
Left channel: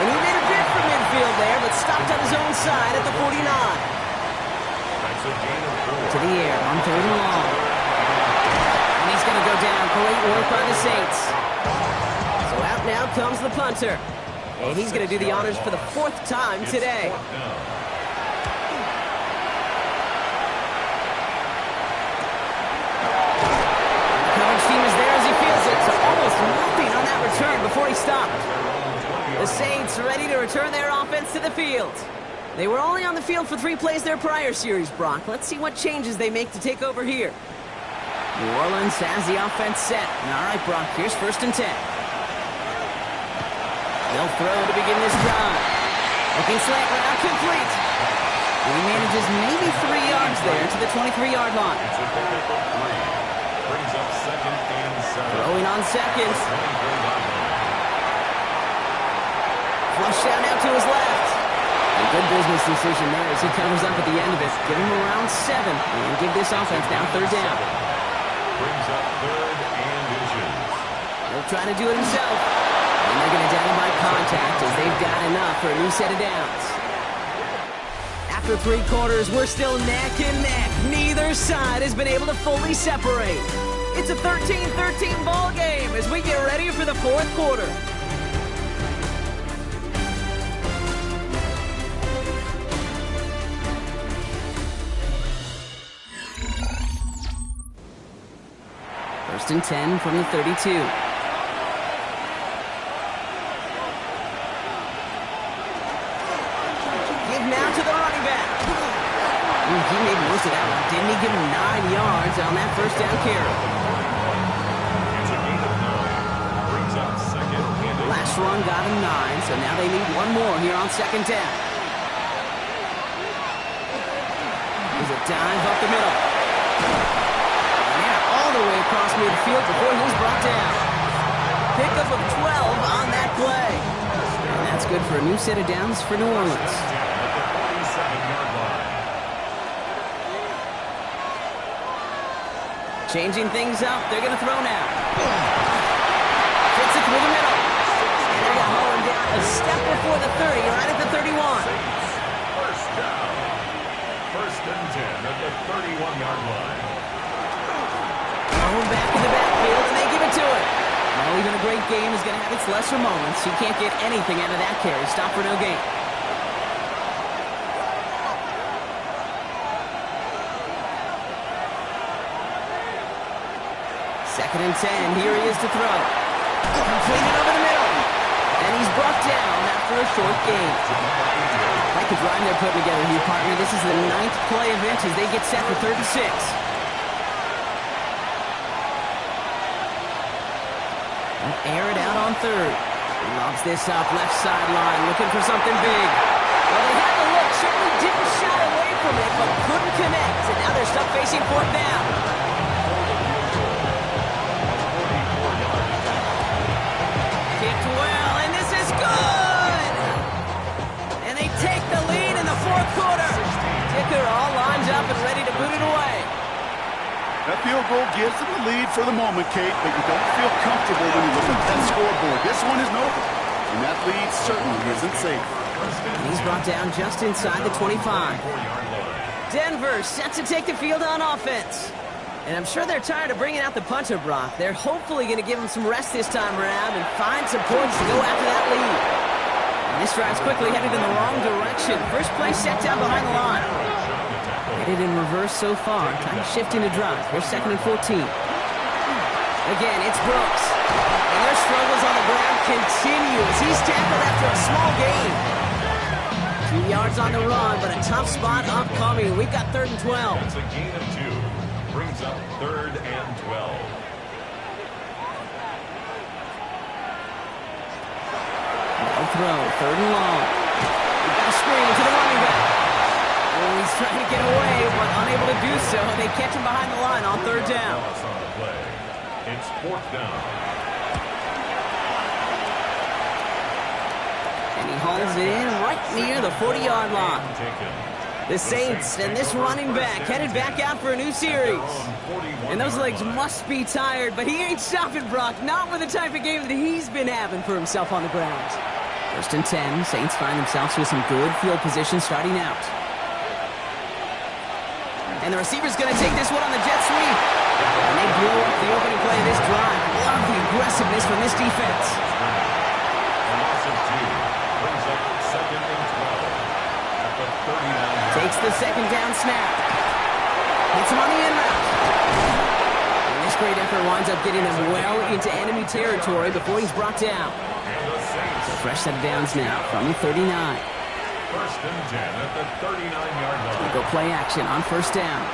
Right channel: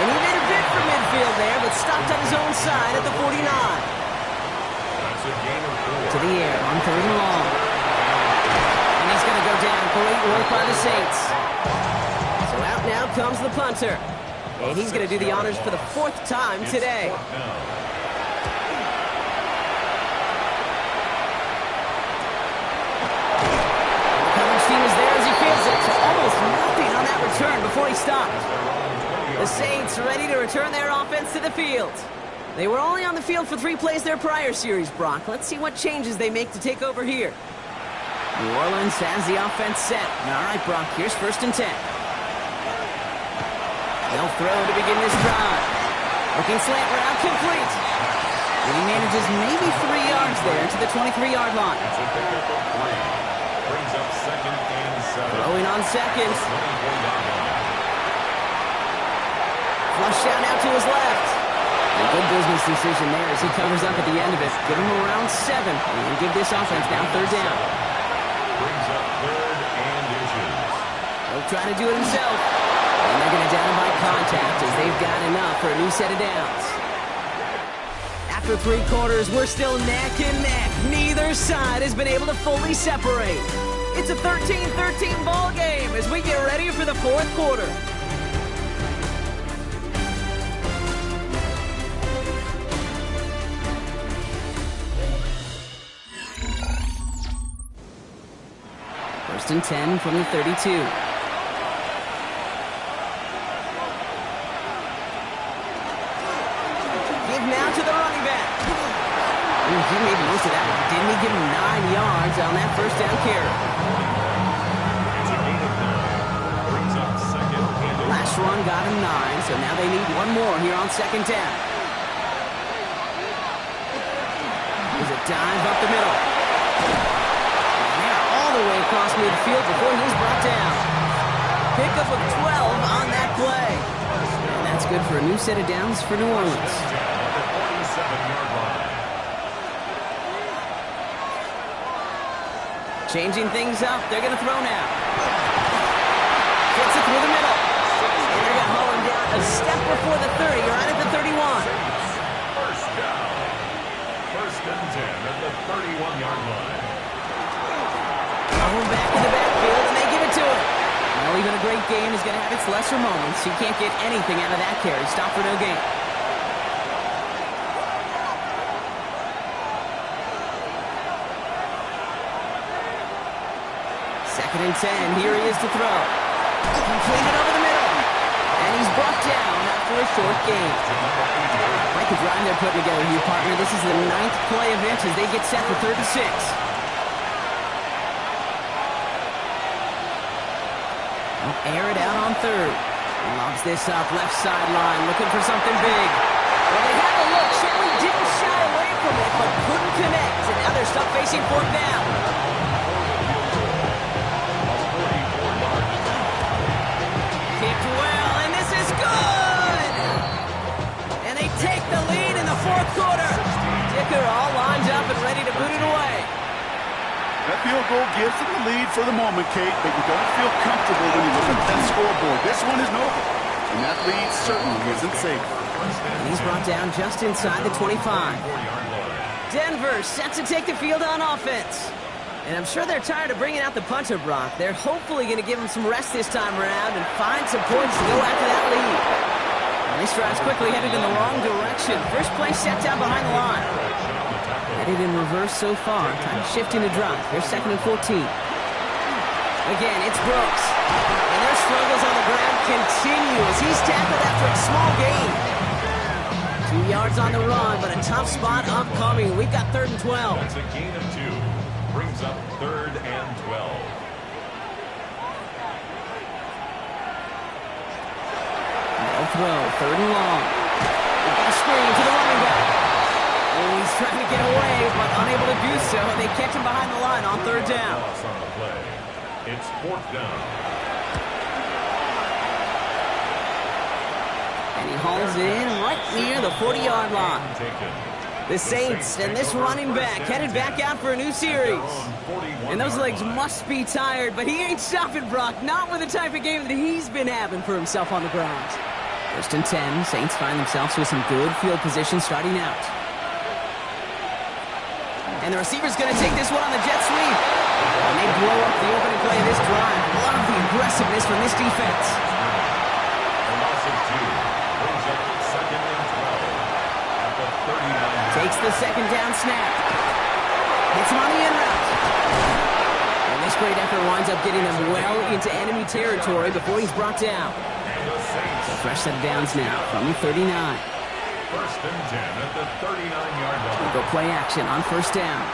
And he made a bid for midfield there, but stopped on his own side at the 49. That's a gain of 4. To the air on 3rd and long. And he's going to go down. Great work by the Saints. So out now comes the punter. And he's going to do the honors for the 4th time today. The coverage team is there as he fields it. So almost nothing on that return before he stopped. The Saints ready to return their offense to the field. They were only on the field for 3 plays their prior series, Brock. Let's see what changes they make to take over here. New Orleans has the offense set. All right, Brock, here's 1st and 10. They'll throw to begin this drive. Looking slant route complete. And he manages maybe 3 yards there to the 23-yard line. It's a pickup of 3. Brings up 2nd and 7. Throwing on 2nd. 24-yard line. Flush down out to his left. A good business decision there as he covers up at the end of it. Give him around 7 and give this offense now 3rd down. Brings up 3rd and inches. He'll try to do it himself. And they're going to down him by contact as they've got enough for a new set of downs. After 3 quarters, we're still neck and neck. Neither side has been able to fully separate. It's a 13-13 ball game as we get ready for the 4th quarter. First and 10 from the 32. Give now to the running back. Ooh, he made most of that one, didn't he? Give him 9 yards on that 1st down carry. It's a gain of 9. Brings up 2nd and 8. Last run got him 9, so now they need 1 more here on 2nd down. There's a dive up the middle. All the way across midfield before he's brought down. Pickup of 12 on that play. And that's good for a new set of downs for New Orleans. At the 47-yard line. Changing things up. They're going to throw now. Fits it through the middle. And they're going to haul him down a step before the 30, right at the 31. First down. First and 10 at the 31-yard line. Going back in the backfield, and they give it to him. Well, even a great game is going to have its lesser moments. You can't get anything out of that carry. Stop for no gain. Second and 10. Here he is to throw. Completed over the middle. And he's brought down after a short gain. Like the drive they're putting together here, partner. This is the 9th play of it as they get set for 36. They'll air it out on third. Lobs this up, left sideline, looking for something big. Well, they had the look. Certainly didn't shy away from it, but couldn't connect. And now they're stuck facing fourth down. Kicked well, and this is good! And they take the lead in the fourth quarter. Dicker all lined up and ready to boot it away. That field goal gives them the lead for the moment, Kate, but you don't feel comfortable when you look at that scoreboard. This one isn't over, and that lead certainly isn't safe. And he's brought down just inside the 25. Denver set to take the field on offense. And I'm sure they're tired of bringing out the punter, Brock. They're hopefully going to give him some rest this time around and find some points to go after that lead. And this drive's quickly headed in the wrong direction. First play set down behind the line. Headed in reverse so far. Time to shift into drive. Here's second and 14. Again, it's Brooks. And their struggles on the ground continue as he's tackled after a small gain. 2 yards on the run, but a tough spot upcoming. We've got third and 12. That's a gain of 2. Brings up third and 12. They'll throw. Third and long. We've got a screen to the running back. Oh, he's trying to get away, but unable to do so. They catch him behind the line on third down. Loss on the play. It's fourth down. And he hauls it in right near the 40-yard line. The Saints and this running back headed back out for a new series. And those legs must be tired, but he ain't stopping, Brock. Not with the type of game that he's been having for himself on the ground. First and 10. Saints find themselves with some good field position starting out. And the receiver's going to take this one on the jet sweep. And they blow up the opening play of this drive. Love the aggressiveness from this defense. A loss of 2. Brings up second and 12. At the 39. Takes the second down snap. Hits him on the in route. And this great effort winds up getting them well into enemy territory before he's brought down. And the Saints. So fresh set of downs now from the 39. First and 10 at the 39-yard We line. go play action on first down.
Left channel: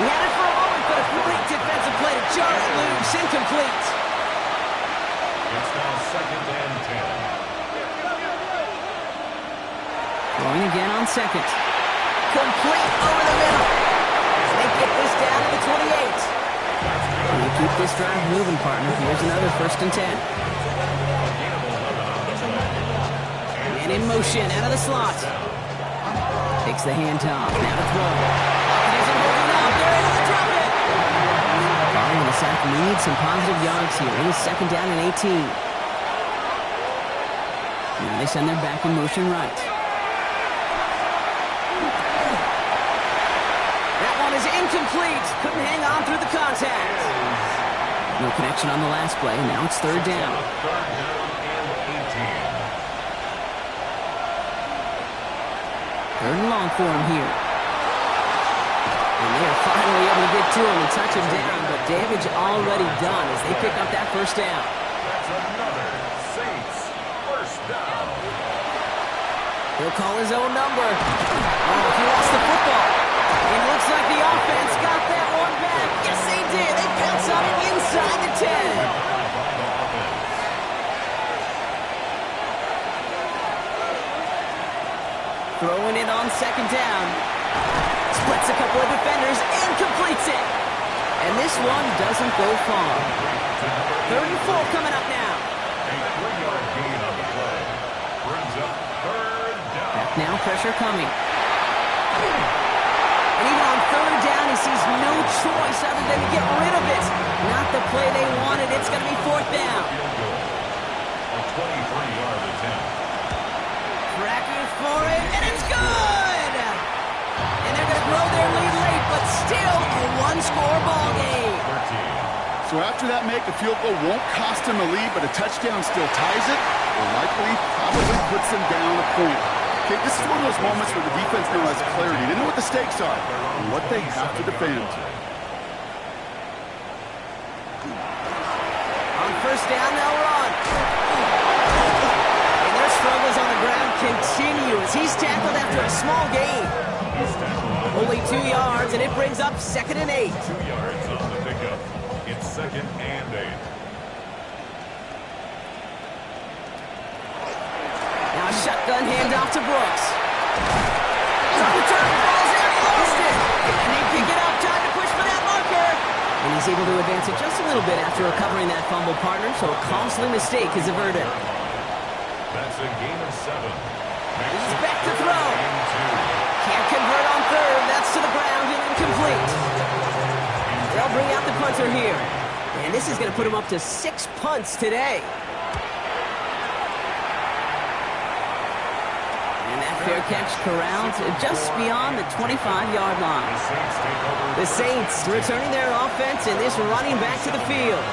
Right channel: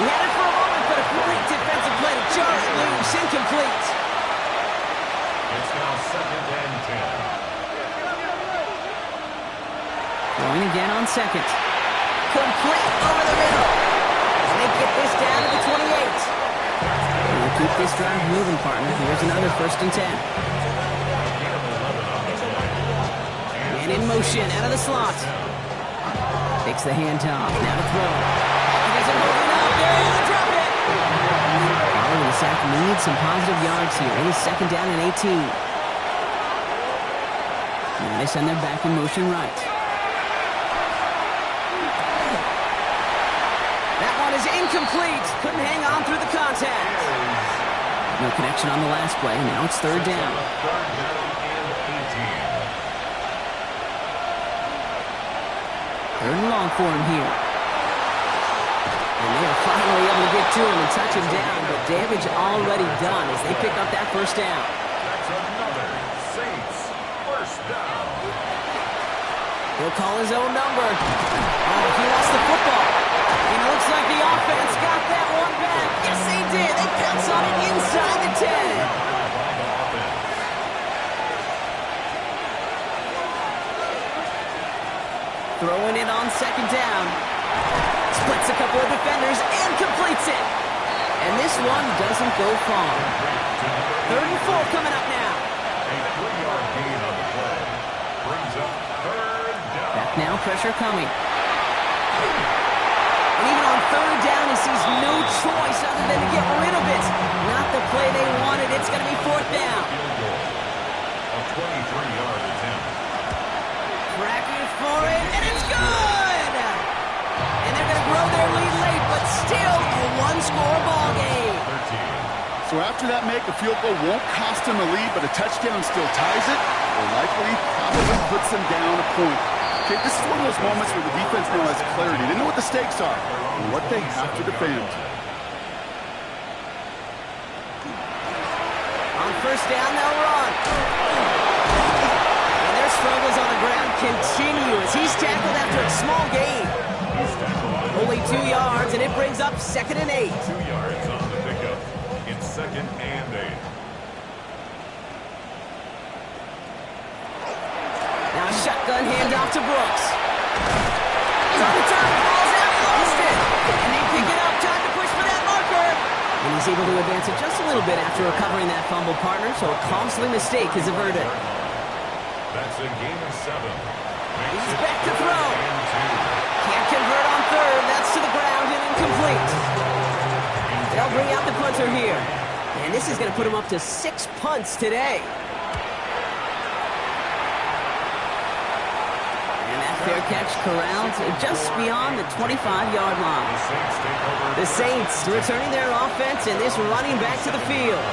He had it for a moment, but a great defensive play to jar it loose. Incomplete. It's now second and 10. Throwing again on second. Complete over the middle. And they get this down to the 28. And they keep this drive moving, partner. Here's another first and 10. A gain of 11 on the play. And in motion, out of the slot. Takes the handoff. Now to throw. Pocket isn't holding up. They're able to drop it. Following the sack needs some positive yards here. It is second down and 18. Now they send their back in motion right. That one is incomplete. Couldn't hang on through the contact. No connection on the last play. Now it's third down. Third down and 18. Third and long for him here. And they are finally able to get to him and touch him down, but damage already done as they pick up that first down. That's another Saints first down. He'll call his own number. Oh, he lost the football. And it looks like the offense got that one back. Yes, they did. They pounce on it inside the 10. Throwing it on second down. Splits a couple of defenders and completes it. And this one doesn't go far. Third and 4 coming up now. A 3-yard gain on the play. Brings up third down. Back now, pressure coming. And even on third down, he sees no choice other than to get rid of it. Not the play they wanted. It's going to be fourth down. Field goal. A 23-yard attempt. Cracking for it, and it's good! And they're going to grow their lead late, but still a one-score ball game. 13. So after that make, a field goal won't cost them a lead, but a touchdown still ties it, or likely probably puts them down a point. Okay, this is one of those moments where the defense now has clarity. They know what the stakes are and what they have to defend. On first down, they'll run. And their struggles on the ground continue as he's tackled after a small gain. He's tackled. Only 2 yards, and it brings up 2nd and 8. 2 yards on the pickup. It's 2nd and 8. Now a shotgun handoff to Brooks. He's on the turn, falls out, he lost it. And they pick it up, time to push for that marker. And he's able to advance it just a little bit after recovering that fumble, partner, so a costly mistake is averted. That's a gain of 7. Makes He's it back to 3rd throw. and 2. Can't convert on third, that's to the ground and incomplete. They'll bring out the punter here. And this is going to put him up to 6 punts today. And that fair catch corralled just beyond the 25-yard line. The Saints take over. The Saints returning their offense and this running back to the field.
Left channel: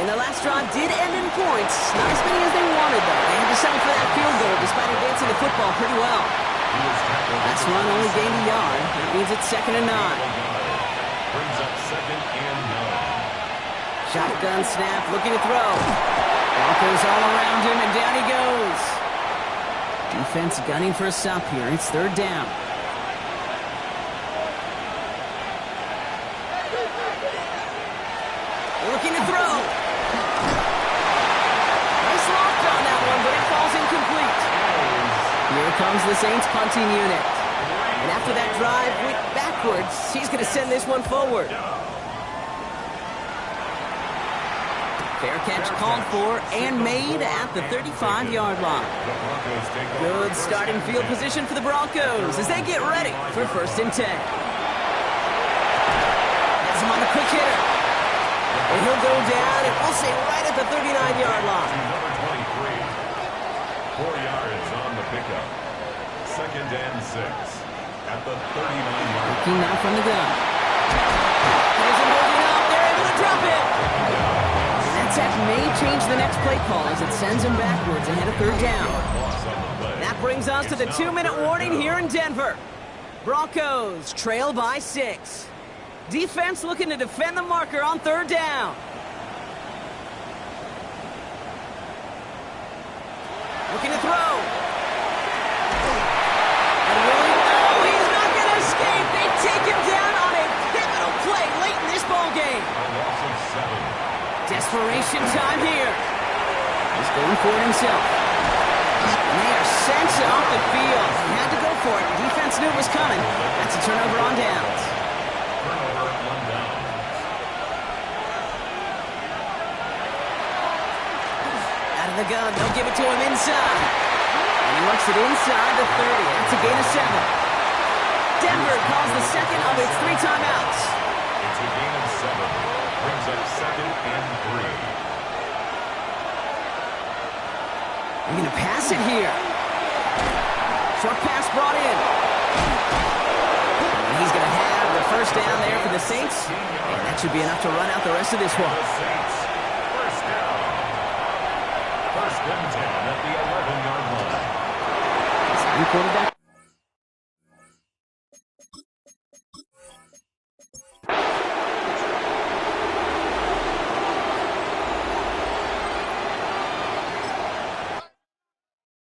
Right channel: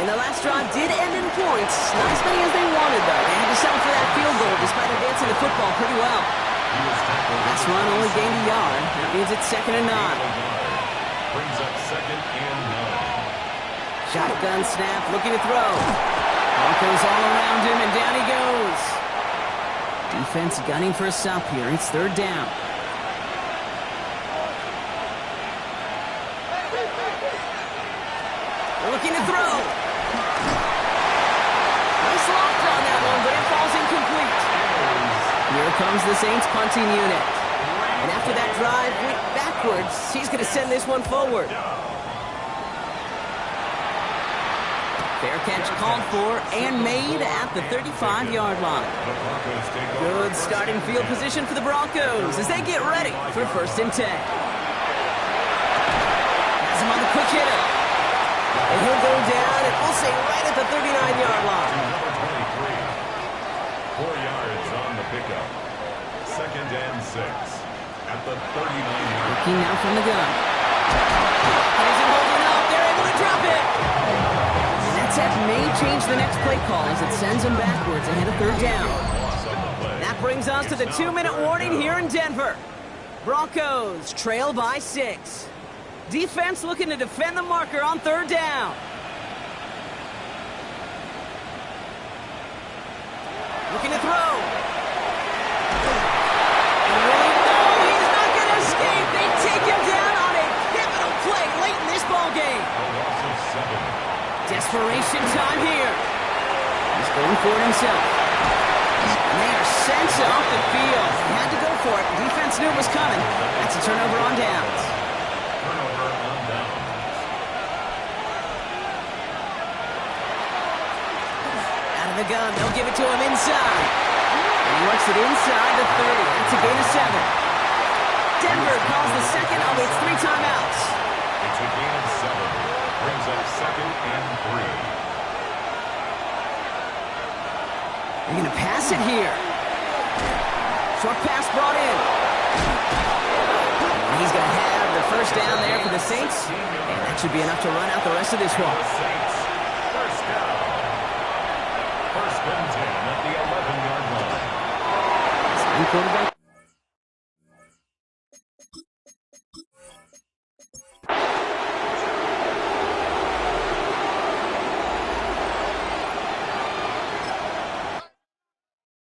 And the last drive did end in points. Not as many as they wanted, though. They had to settle for that field goal despite advancing the football pretty well. He was tackled. Last run only gained a yard. That means it's 2nd and 9. Brings up 2nd and 9. Shotgun snap, looking to throw. Broncos all around him, and down he goes. Defense gunning for a stop here. It's 3rd down. They're looking to throw. Nice lock on that one, but it falls incomplete. Here comes the Saints punting unit. And after that drive went backwards, he's going to send this one forward. Fair catch called for and made at the 35-yard line. The Broncos take over. Good starting field position for the Broncos as they get ready for 1st and 10. Has him on the quick hitter. And he'll go down, and we'll say right at the 39-yard line. Number 23. 4 yards on the pickup. 2nd and 6. At the 39-yard line. Looking now from the gun. Here's him holding up. They're able to drop it. And that sack may change the next play call as it sends him backwards ahead of 3rd down. Loss on the play. That brings us to the 2-minute warning here in Denver. Broncos trail by 6. Defense looking to defend the marker on 3rd down. Looking to throw. And Willie, no, he's not going to escape. They take him down on a pivotal play late in this ball game. A loss of 7. Desperation time here. He's going for it himself. And they are sent off the field. He had to go for it. Defense knew it was coming. That's a turnover on downs. Turnover on downs. Out of the gun, they'll give it to him inside. And he works it inside the 30. That's a gain of 7. Denver calls the second of its 3 timeouts. It's a gain of 7. Brings up 2nd and 3. They're going to pass it here. Short pass brought in. And he's going to have the first down there for the Saints. And that should be enough to run out the rest of this one. The Saints. First down. 1st and 10 at the 11-yard line. Quarterback